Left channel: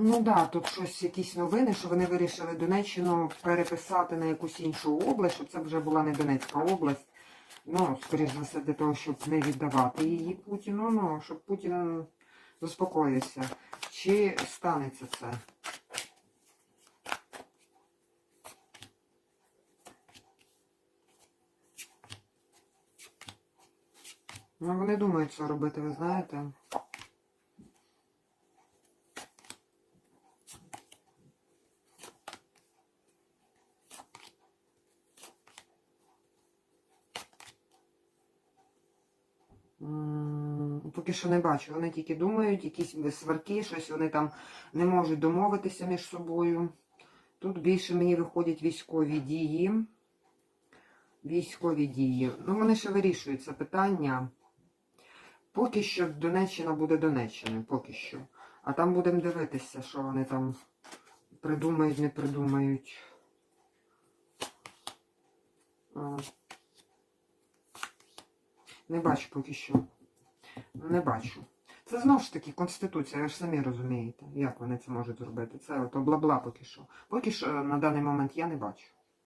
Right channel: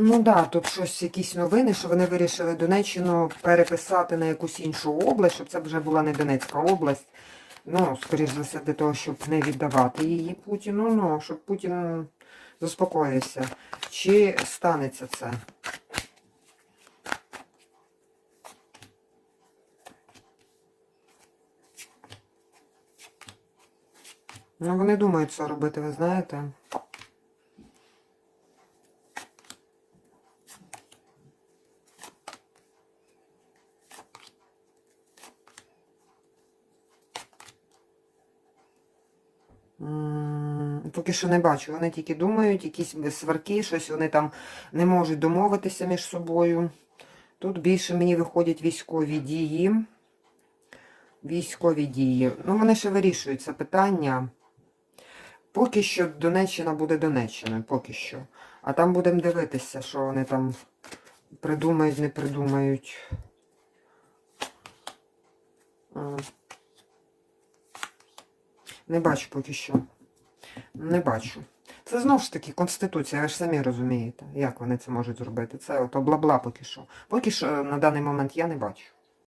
Ну так, да, тут щось, якісь новини, що вони вирішили Донеччину переписати на якусь іншу область, щоб це вже була не Донецька область. Ну, скоріш за все, для того, щоб не віддавати її Путіну, ну, щоб Путін заспокоївся. Чи станеться це? Ну, вони думають, що робити, ви знаєте. Поки що не бачу. Вони тільки думають, якісь сварки, щось вони там не можуть домовитися між собою. Тут більше мені виходять військові дії. Військові дії. Ну, вони ще вирішують це питання. Поки що Донеччина буде Донеччиною, поки що. А там будемо дивитися, що вони там придумають, не придумають. Не бачу поки що. Не бачу. Це знову ж таки Конституція, ви ж самі розумієте, як вони це можуть зробити. Це ото бла-бла поки що. Поки що на даний момент я не бачу.